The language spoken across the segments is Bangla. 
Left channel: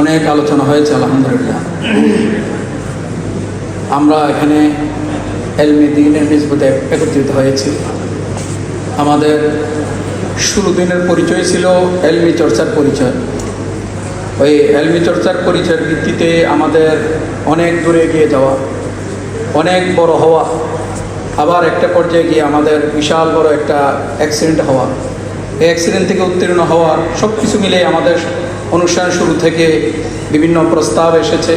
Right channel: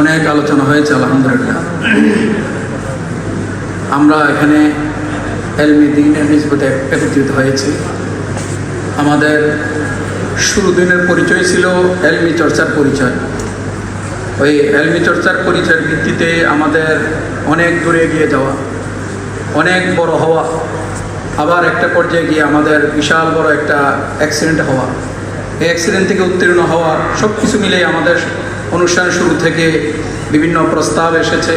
অনেক আলোচনা হয়েছে আলহামদুলিল্লাহ। আমরা এখানে এলমে দ্বীনের নিসবতে একত্রিত হয়েছি। আমাদের শুরু দিনের পরিচয় ছিল এলমি চর্চার পরিচয়। ওই এলমি চর্চার পরিচয়ের ভিত্তিতে আমাদের অনেক দূরে এগিয়ে যাওয়া, অনেক বড় হওয়া, আবার একটা পর্যায়ে গিয়ে আমাদের বিশাল বড় একটা অ্যাক্সিডেন্ট হওয়া, এই অ্যাক্সিডেন্ট থেকে উত্তীর্ণ হওয়া, সব কিছু মিলে আমাদের অনুষ্ঠান শুরু থেকে বিভিন্ন প্রস্তাব এসেছে,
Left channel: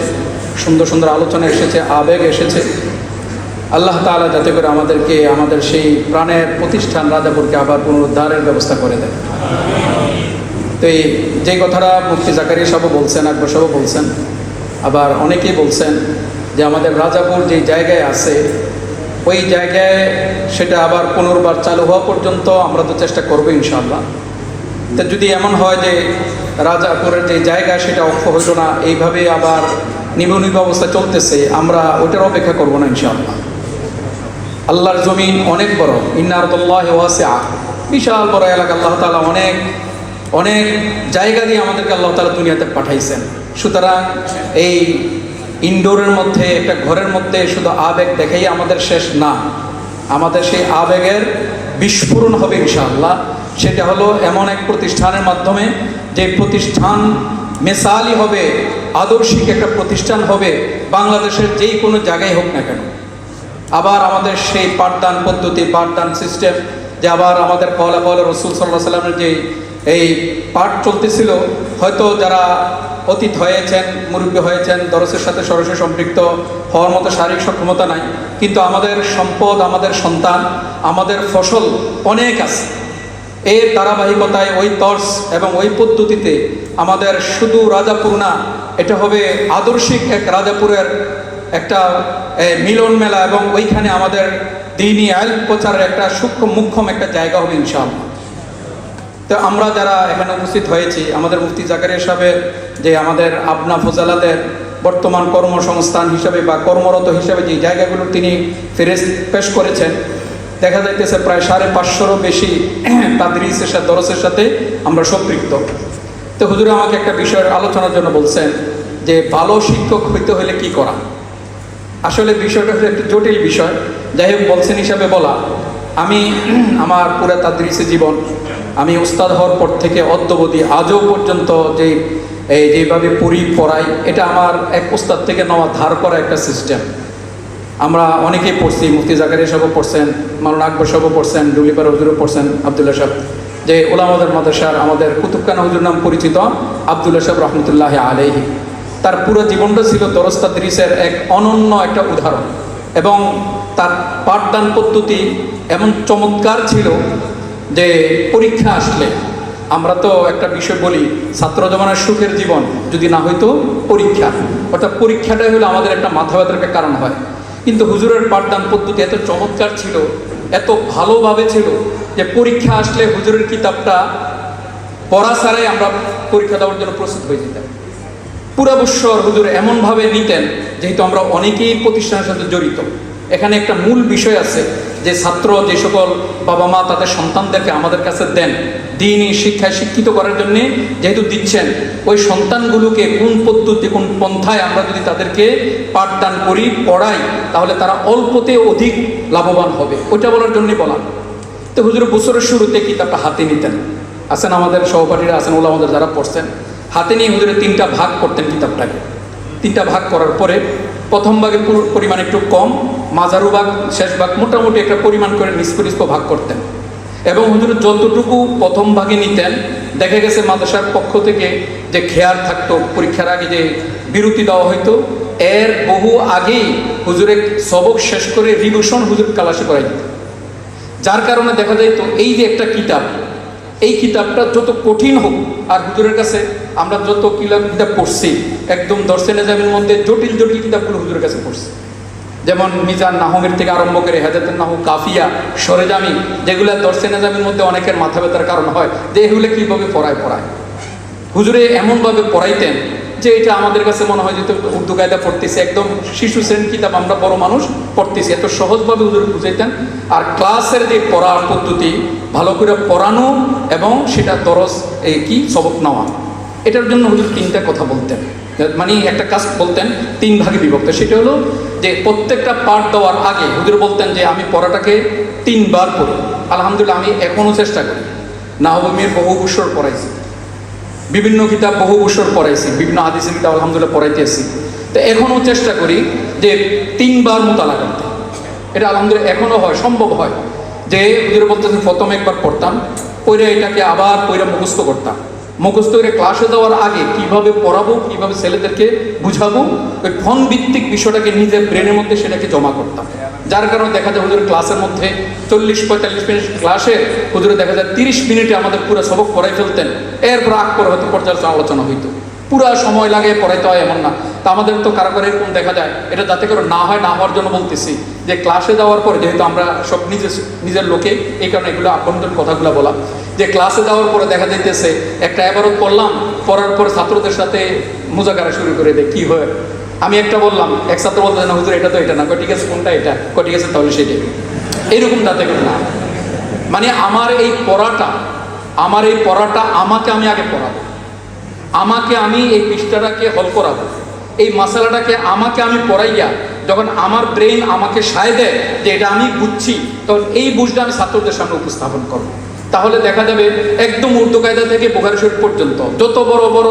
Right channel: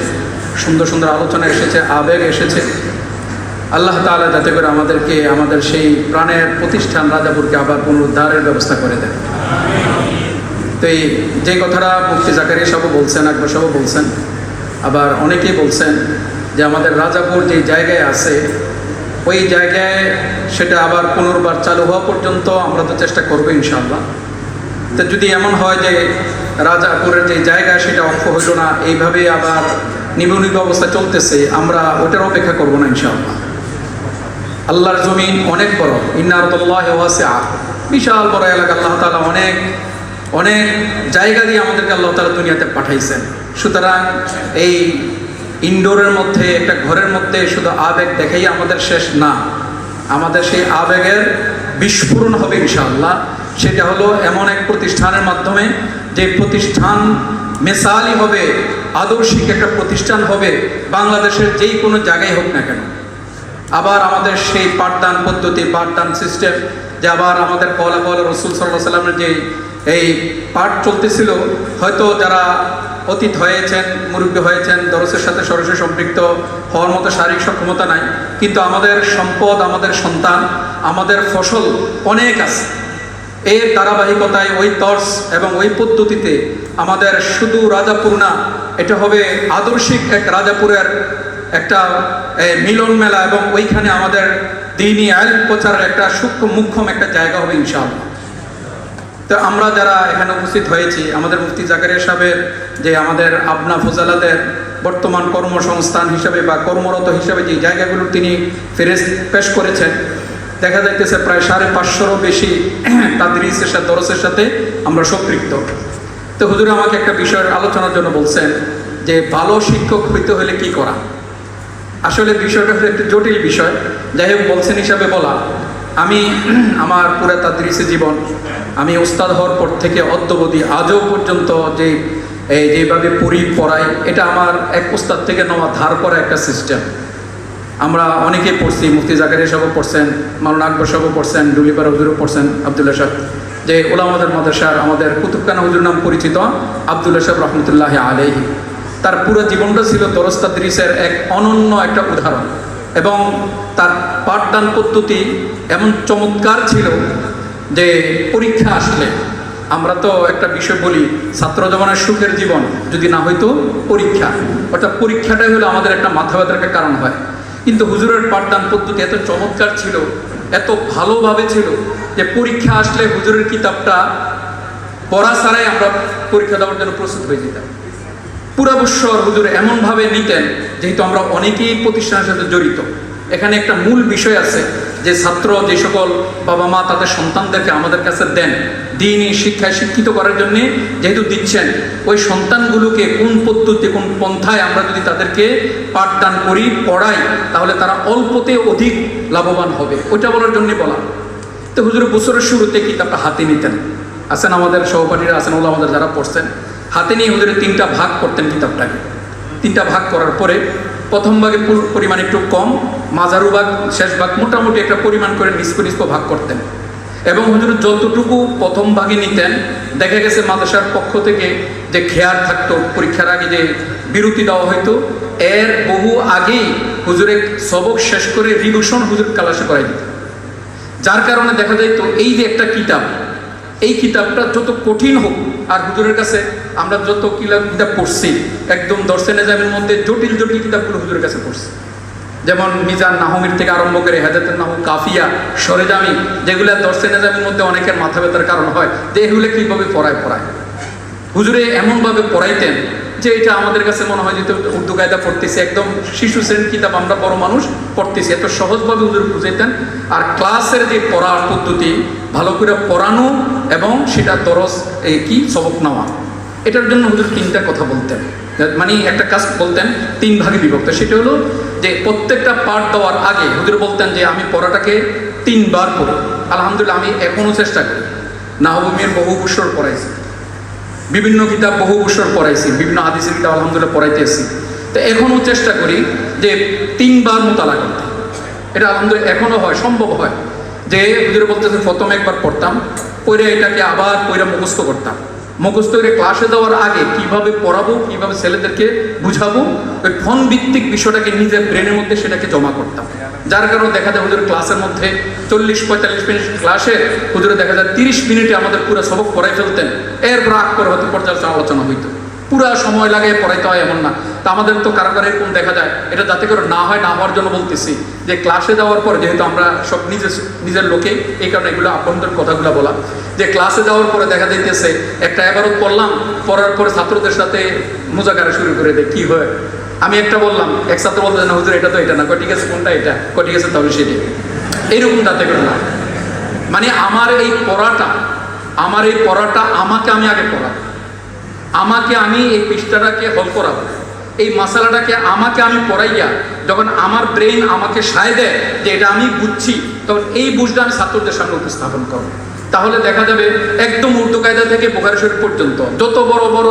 সুন্দর সুন্দর আলোচনা এসেছে, আবেগ এসেছে। আল্লাহ তাআলা যাতে করে আমাদেরকে আমাদের সেই প্রাণের প্রতিষ্ঠান রাজাপুরকে আবার পুনরুদ্ধারের ব্যবস্থা করে দেন। তো এই যে কথাটা মুফতি জাকারিয়া সাহেব বলছেন, আকবর সাহেব বলছেন, আবার অনেকেই বলছেন যে আমাদের রাজাপুর যে জায়গায় আছে ওই জায়গায় সেটা আবার পুনর্বার চালু হওয়া পর্যন্ত আমরা তো চেষ্টা করবো ইনশাআল্লাহ। তো যদি এমন হয় যে রাজাপুরের যে জায়গা সেটা অক্ষ হইল না, এইভাবে আবার নিম্ননীপ অবস্থা চলতেছে, আমরা ওটার অপেক্ষা করবো না ইনশাআল্লাহ। আল্লাহর জমিন অনেক বড়, ইন্না আরদুল্লাহি ওয়াসিআ, বিশাল বড় এলাকা। আল্লাহ তাআলা অনেক অনেক জায়গা দিয়ে আমাদেরকে আল্লাহ তাআলা দুনিয়াতে পাঠাইছেন। সুতরাং এই ইনডোরের মধ্যে একটা ঘরের মধ্যে শুধু আবেগ দেখাই আমাদের শেষ না, আমাদের সেই আবেগের বিস্ফোরণ হবে ইনশাআল্লাহ। সেটা হলো এমন এক প্রতিষ্ঠানের মাধ্যমে যে প্রতিষ্ঠান মেসালি হবে, আদর্শিক একটা প্রতিষ্ঠান হবে বাংলাদেশের যেই কোনো জায়গায় হোক না কেন। আবার আমাদের সেই পাঠদান পদ্ধতি, পাঠদান সিস্টেম, যে আবার আমাদের কওলা রাসূল সাল্লাল্লাহু আলাইহি ওয়াসাল্লামের যে এই পাঠ চলতেছিল, হয়তো যারা অতীত হয়েছেন, মুরব্বী হয়েছেন, দরসের সাথে সরাসরি সম্পৃক্ত হওয়ার মতো শারীরিক সক্ষমতা নাই, কিন্তু আমাদের সম্পদ, আমাদের সন্তান, আমাদের ফসল অনেক আছে। এর ধারাবাহিকতায় ওই তর্স এবং ওই পদ্ধতিতে আমাদের শুধু রাজাপুর না, এটা হবে আদর্শিক এক রাজাপুরের একটা মিলন মেলা, এবং ওইখানে আমাদের দ্বীনি ইলম প্রচারের একটা সূক্ষ্ম মুখ্যম একটা জায়গা হবে ইনশাআল্লাহ। তো আমরা যারা এখানে উপস্থিত হয়েছি, আমাদের মুফতি জাকারিয়া সাহেবের যে আমাদের আপনা ফজালাতের বর্তমান কর্মসংস্থান হিসাবে বা কর্মরত হিসাবে যে জায়গাগুলো তিনি পেশ করেছেন, দেখা যাইতেছে প্রায় 550-ও বেশি তাদরিসের সাথে, দরসের সাথে আমরা সম্পৃক্ত। তো হুজুর আমাকে একটা বিষয়ের আলোচনার জন্য বলছেন যে ভালো শিক্ষক হইতে হলে কি করা। আসলে বিষয়টা হলো একটু জটিল বিষয়, যাই হোক বলছেন হিসাবে বলা। আমি আমার পুরো তাদরিসে জীবন, আমি উস্তাদ হওয়ার পর থেকে অদ্যাবধি আজও পর্যন্ত যেভাবে পড়াই, এটা আমার এক উস্তাদ থেকে নেওয়া ধার করা একটা সিস্টেম। আমরা অনেকেই পড়ছি, মুফতি জাকারিয়া সাহেব পড়ছেন, মাওলানা আকবর সাহেব পড়ছেন, ডুলিপাড়া হুজুরও পড়ছেন, আব্দুল্লাহ সাহেব, যে উলামাদের মাদ্রাসার আমাদের কুতুবখানা হুজুর নাম পরিচিত আব্দুল্লাহ সাহেব রহমতুল্লাহ আলাইহি। তার পুরো জীবনটা ছিল দরস তাদরিসের এক অনন্য একটা উদাহরণ, এবং তার পাঠদান পদ্ধতি এমন চমৎকার ছিল যে পরীক্ষা আসলে, আমরা তো একটা বিষয় বলি, ছাত্র জীবনের সুখের জীবন যদি না হইতো পরীক্ষা, অর্থাৎ পরীক্ষাটাই হলো আমাদের একটা মাথা ব্যথার একটা কারণ হয়। কিন্তু হুজুরের পাঠদান পদ্ধতি এত চমৎকার ছিল, এত ভালোভাবে ছিল যে পরীক্ষা আসলে হুজুরের কিতাবটা পড়া ছাড়াই আমরা পরীক্ষা দেওয়ার জন্য প্রস্তুত হয়ে যেতাম। পুরা বৎসর হুজুর এমনভাবে নিতেন, যেহেতু আমরা অনেকেই প্রতিষ্ঠানের সাথে জড়িত। এখানে একটা মূল বিষয় আছে যে ছাত্র, যে সকল বাবা মা তাদের সন্তানদেরকে আমাদের কাছে দেন দ্বীনি শিক্ষায় শিক্ষিত করার জন্য, যেহেতু দিচ্ছেন, ওই সন্তানগুলোকে কোন পদ্ধতি, কোন পন্থায় আমরা যদি তাদেরকে পাঠদান করি, পড়াই, তাহলে তারা অল্পতে অধিক লাভবান হবে, ওইটা বলার জন্যই বলা। তো হুজুর বছরের শুরুতে কিতাবটা হাতে নিতেন, আছেন আমাদের সহপাঠীরা, আছেন ওলামাদের যারা পড়ছেন, হাতে নিয়ে হুজুরে 3টা ভাগ করতেন কিতাবটাকে। 3টা ভাগ করার পরে প্রথম ভাগে পরিমাণ একটু কম, মাঝারু ভাগ, শেষ ভাগ মোটামুটি একটা পরিমাণ করে নিষ্প ভাগ করতেন। এবং হুজুর যতটুকু প্রথম ভাগে নিতেন, দেখা গেছে মাদ্রাসার পক্ষ থেকে যে খেয়াল থাকতো, পরীক্ষার আগে যে বিরতি দেওয়া হইতো, এর বহু আগেই হুজুরে সবক শেষ করে রিভিশন হুজুর ক্লাসে করাই দিত। যার কারণে দেখা যাইত এই যে একটা কিতাব, এই কিতাবটা যত কঠিন হোক, আর হুজুরের কাছে আমরা যত কিতাব পড়ছি, একদম দরসে নিজামের মধ্যে জটিল জটিল কিতাবগুলো হুজুরের কাছে পড়ছি, যেমন মিজান নাহমির থেকে আরম্ভ করে হেদায়েতুন নাহু, কাফিয়া, সরেজামি, যেগুলো দরসে নিজামের মধ্যে অনেকের মাথা ব্যথার কারণ হয় যে এগুলো কীভাবে পড়ায়। হুজুরে এমনভাবে পড়াইতেন যে এটা আমাদের কাছে মনে হয় যে উর্দু কায়দা পড়তেছি, একদম শিশু শ্রেণীর কিতাব আমরা বড় মানুষ পড়তেছি, এত সহজভাবে হুজুর বুঝাইতেন। আর ক্লাসের যে পড়ার পদ্ধতি, ভালো করে পড়ানো এবং সেটা দরস সবক নেওয়া, এটার জন্য হুজুর তিনটা কথা বলতেন, মানে একটা কাজ বলতেন 3 ভাগে বিভক্ত। সেটা হলো যে প্রত্যেকটা পাঠ দেওয়ার আগে হুজুর বলতেন যে আমি পড়াটাকে 3 বার পড়ি। আলহামদুলিল্লাহ আমি এখনও চেষ্টা করি। নাহবুমির বহু বছর পড়াইছি, বিভিন্ন কিতাব বহু বছর পড়াইছি, বিভিন্ন হাদিসের কিতাব আলহামদুলিল্লাহ পড়াইতেছি। তো এখনও চেষ্টা করি যে 3 বার মোতালা করতে। এটা আলহামদুলিল্লাহ এখনও হয়, সম্ভব হয়। যে হুজুর বলতেছেন প্রথমে একবার পড়তাম, পড়ে এটাকে আবার পড়ে মুখস্থ করতাম। মুখস্থ করে ক্লাসে দেওয়ার আগে কিভাবে পড়াবো, কিভাবে ছেলেদেরকে বুঝাবো, ওই ফোন ভিত্তিক বিষয়টাকে নিজের ব্রেনের মধ্যে সেটাকে জমা করতাম। যার কারণে দেখা যায় হুজুরের ক্লাসের মধ্যে 40-45 মিনিট ক্লাসে হুজুরে দেখা যায় 30 মিনিটে আমাদের পুরো সবক পড়াই ফেলতেন। এরপর আগ করে হয়তো পর্যালোচনা আলোচনা হইতো। পুরা সময় লাগে পড়াইতে হয় এমন না। তা আমাদের তো কারো কারো এরকম দেখা যায়, এটা যাতে করে না হয়, না হওয়ার জন্য বলতেছি যে ক্লাসে যাওয়ার পর, যেহেতু আমরা সব নিজের লোকে, এই কারণে এগুলো আভ্যন্তরীণ কথাগুলো বলা, যে ক্লাসে যাওয়ার পরে দেখা যাইতেছে একটা এবারত পড়লাম, পড়ার পরে ছাত্রদের সাথে মুজাকারা শুরু করে দেয়। কি হয়, আমি একটা বললাম, এক ছাত্র বলতে না হুজুর এটা তো এটা না, ঠিক আছে কোনটা এটা, ঠিক আছে তাহলে সেটা, এইরকম যাতে করে না। মানে আমার এই পড়াটা আমাকে আমি আগে পড়াবো, আমাকে আমি এই পৃষ্ঠাটাকে হল করাবো, এই মশালাটাকে আমাকে আমি পড়াইয়া যখন আমার ব্রেন আমাকে সায় দেয় যে এটা আমি বুঝছি, তখন এই বুঝটা আমি ছাত্রদের সামনে উপস্থাপন করবো। তাহলে দেখা যাবে একদম উর্দু কায়দা থেকে বুখারী শরীফ পর্যন্ত যত বড় বড়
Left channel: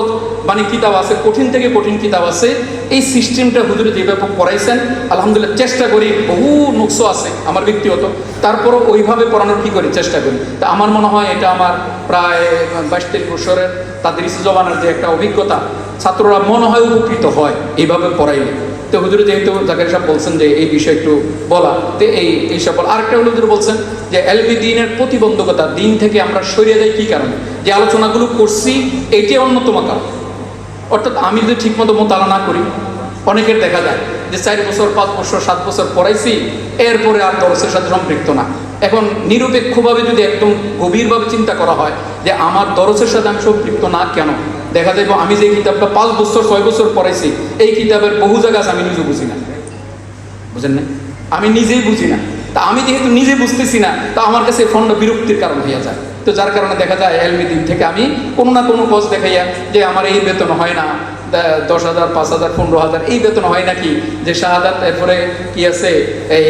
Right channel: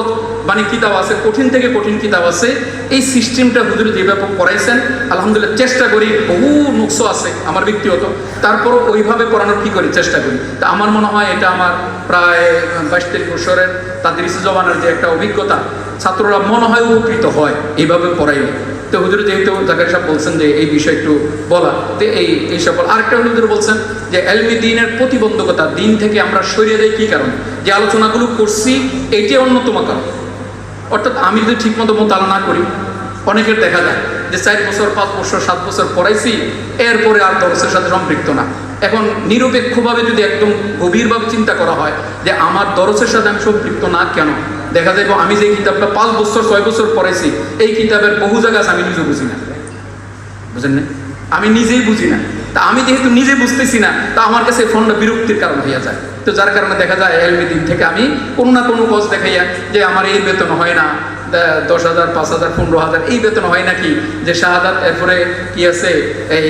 মানে কিতাব আছে, কঠিন থেকে কঠিন কিতাব আছে, এই সিস্টেমটা হুজুর যেভাবে পড়াইছেন আলহামদুলিল্লাহ চেষ্টা করি। বহু নুকস আছে আমার ব্যক্তিগত, তারপরও ওইভাবে পড়ানোর কি করি চেষ্টা করি। তা আমার মনে হয় এটা আমার প্রায় 22-23 বছরের তাদরিসে জবানের যে একটা অভিজ্ঞতা, ছাত্ররা মনে হয় উপকৃত হয় এইভাবে পড়াইলে। তো হুজুর যেহেতু জাকারি সাহেব বলছেন যে এই বিষয়ে একটু বলা, তো এই সব বলা। আরেকটা হুজুর বলছেন যে এলমি দ্বীনের প্রতিবন্ধকতা, দিন থেকে আমরা সরিয়ে যাই কি কারণে, যে আলোচনাগুলো করছি এটাই অন্যতম কারণ। অর্থাৎ আমি যদি ঠিক মতো মোতালা না করি, অনেকের দেখা যায় যে 4 বছর 5 বছর 7 বছর পড়াইছি, এরপরে আর দরসের সাথে সম্পৃক্ত না। এখন নিরপেক্ষভাবে যদি একদম গভীরভাবে চিন্তা করা হয় যে আমার দরসের সাথে আমি সম্পৃক্ত না কেন, দেখা যায় আমি যে কিতাবটা 5 বছর 6 বছর পড়াইছি, এই কিতাবের বহু জায়গা আমি নিজে বুঝি না, বুঝেন না, আমি নিজেই বুঝি না। তা আমি যেহেতু নিজে বুঝতেছি না, তা আমার কাছে ফোনটা বিরক্তির কারণ হয়ে যায়। তো যার কারণে দেখা যায় এলমি দিন থেকে আমি কোনো না কোনো কোর্স দেখাইয়া যে আমার এই বেতন হয় না, 10,000 5,000 15,000 এই বেতন হয় নাকি, যে শাহাদাত এরপরে কি আছে, এই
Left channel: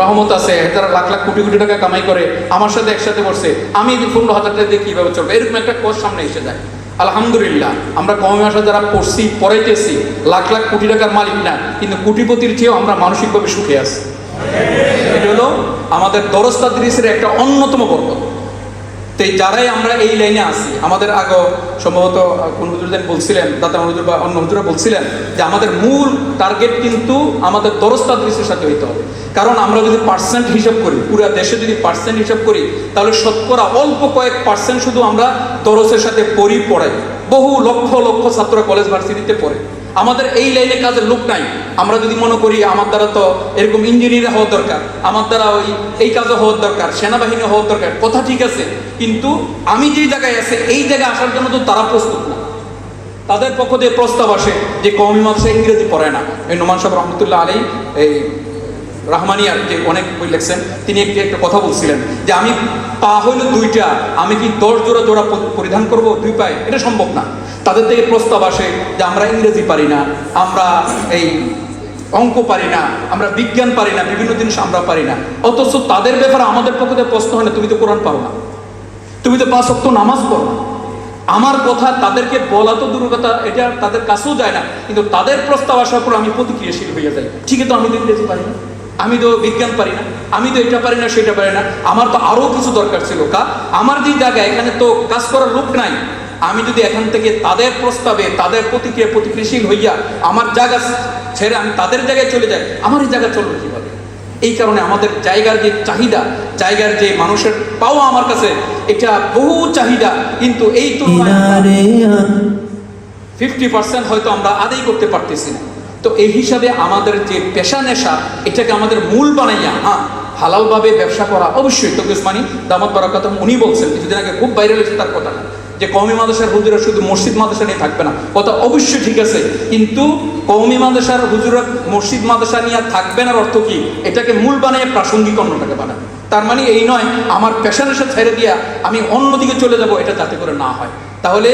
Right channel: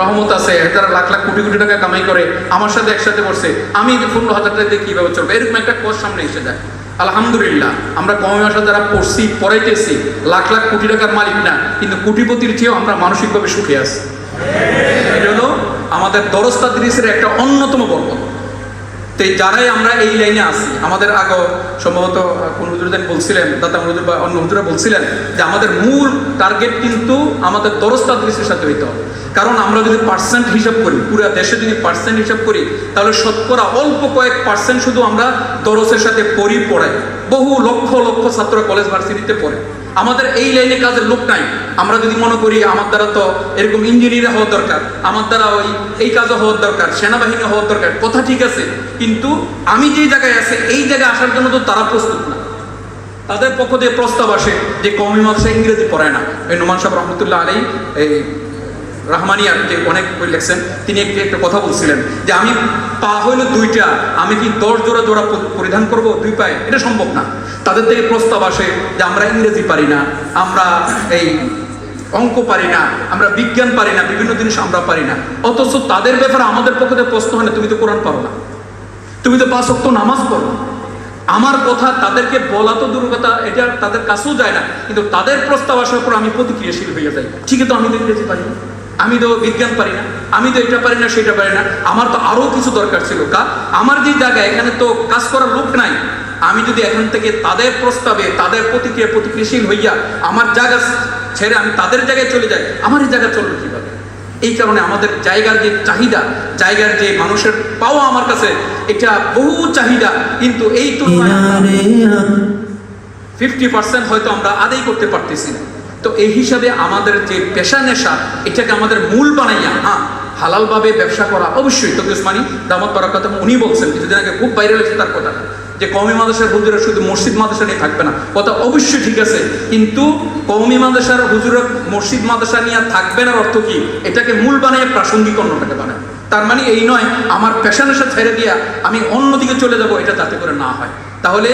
রহমত আছে, তারা লাখ লাখ কোটি কোটি টাকা কামাই করে, আমার সাথে একসাথে বসছে, আমি 15,000 টাকা দিয়ে কীভাবে চলবে, এরকম একটা কোর্স সামনে এসে যায়। আলহামদুলিল্লাহ আমরা কওমি ভাষা যারা পড়ছি পড়াইতেছি, লাখ লাখ কোটি টাকার মালিক না, কিন্তু কোটিপতির চেয়েও আমরা মানসিকভাবে সুখে আছি। এটা হলো আমাদের দরস তাদরিসের একটা অন্যতম বরকত। তো যারাই আমরা এই লাইনে আছি, আমাদের আগে সম্ভবত কোন হুজুর বলছিলেন, দাতা হুজুর বা অন্য হুজুরা বলছিলেন যে আমাদের মূল টার্গেট কিন্তু আমাদের দরস তাদরিসের সাথে হইতে হবে। কারণ আমরা যদি পার্সেন্ট হিসাব করি, পুরো দেশে যদি পার্সেন্ট হিসাব করি, তাহলে শতকরা অল্প কয়েক পার্সেন্ট শুধু আমরা দরসের সাথে পড়াই। বহু লক্ষ লক্ষ ছাত্র কলেজ ভার্সিটিতে পড়ে। আমাদের এই লাইনে কাজের লোক নাই। আমরা যদি মনে করি আমার দ্বারা তো এরকম ইঞ্জিনিয়ার হওয়ার দরকার, আমার দ্বারা এই কাজও হওয়ার দরকার, সেনাবাহিনী হওয়ার দরকার, কথা ঠিক আছে, কিন্তু আমি যেই জায়গায় আছে এই জায়গায় আসার জন্য তো তারা প্রস্তুত না। তাদের পক্ষ দিয়ে প্রস্তাব আসে যে কওমি মাদ্রাসা ইংরেজি পড়ায় না। এই নোমান সাহেব রহমতুল্লাহ আলাইহি এই রহমানিয়ার যে অনেক বই লিখছেন, তিনি একটা কথা বলছিলেন যে আমি পা হইল 2টা, আমি কি 10 জোড়া পরিধান করব 2 পায়ে, এটা সম্ভব না। তাদের থেকে প্রস্তাব আসে যে আমরা ইংরেজি পারি না, আমরা এই অঙ্ক পারি না, আমরা বিজ্ঞান পারি না, বিভিন্ন জিনিস আমরা পারি না। অথচ তাদের ব্যাপারে আমাদের পক্ষে প্রশ্ন হয় না, তুমি তো কোরআন পারো না, তুমি তো 5 ওয়াক্ত নামাজ পড়ো। আমার কথা তাদেরকে বলা তো দূরের কথা, এটা তাদের কাছেও যায় না, কিন্তু তাদের প্রস্তাব আসার পর আমি প্রতিক্রিয়াশীল হয়ে যাই। ঠিক আছে, আমি তো ইংরেজি পারি না, আমি তো বিজ্ঞান পারি না, আমি তো এটা পারি না সেটা পারি না, আমার তো আরো কিছু দরকার ছিল। আমার যে জায়গায় এখানে তো কাজ করার লোক নাই, আমি যদি এখান থেকে তাদের প্রস্তাবে তাদের প্রতিক্রিয়াশীল হইয়া আমার জায়গা ছেড়ে আমি তাদের জায়গায় চলে যাই, আমার এই জায়গা চলবে কিভাবে? এই কারণে আমাদের জায়গার যে চাহিদা, জায়গার যে মানুষের পাওয়া আমার কাছে এটা বহু চাহিদা, কিন্তু এই তুলনায় 50% হয়তো আমরা আদায় করতে পারতেছি না। তো এই হিসাবে আমাদের যে পেশা নেশা, এটাকে আমাদের মূল বানাইয়া হালালভাবে ব্যবসা করা অবশ্যই। তবে উসমানী দামাত বারাকাত উনি বলছেন কিছুদিন আগে, খুব ভাইরাল হয়েছে তার কথা, যে কওমি মাদ্রাসার হুজুরা শুধু মসজিদ মাদ্রাসা নিয়ে থাকবে না, কথা অবশ্যই ঠিক আছে, কিন্তু কওমি মাদ্রাসার হুজুরা মসজিদ মাদ্রাসা নিয়ে থাকবে না অর্থ কি, এটাকে মূল বানিয়ে প্রাসঙ্গিক অন্যটাকে বানাবে। তার মানে এই নয় আমার পেশা নেশা ছেড়ে দিয়া আমি অন্যদিকে চলে যাব, এটা যাতে করে না হয়। তাহলে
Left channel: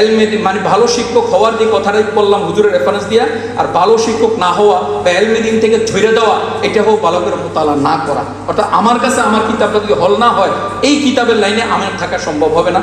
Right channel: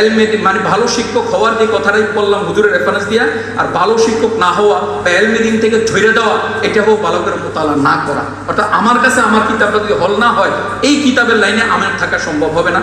এলমে মানে ভালো শিক্ষক হওয়ার যে কথাটাই বললাম হুজুরের রেফারেন্স দিয়া, আর ভালো শিক্ষক না হওয়া বা এলমে দিন থেকে ঝরে দেওয়া, এটা হোক ভালো করে মোতালা না করা। অর্থাৎ আমার কাছে আমার কিতাবটা যদি হল না হয়, এই কিতাবের লাইনে আমার থাকা সম্ভব হবে না।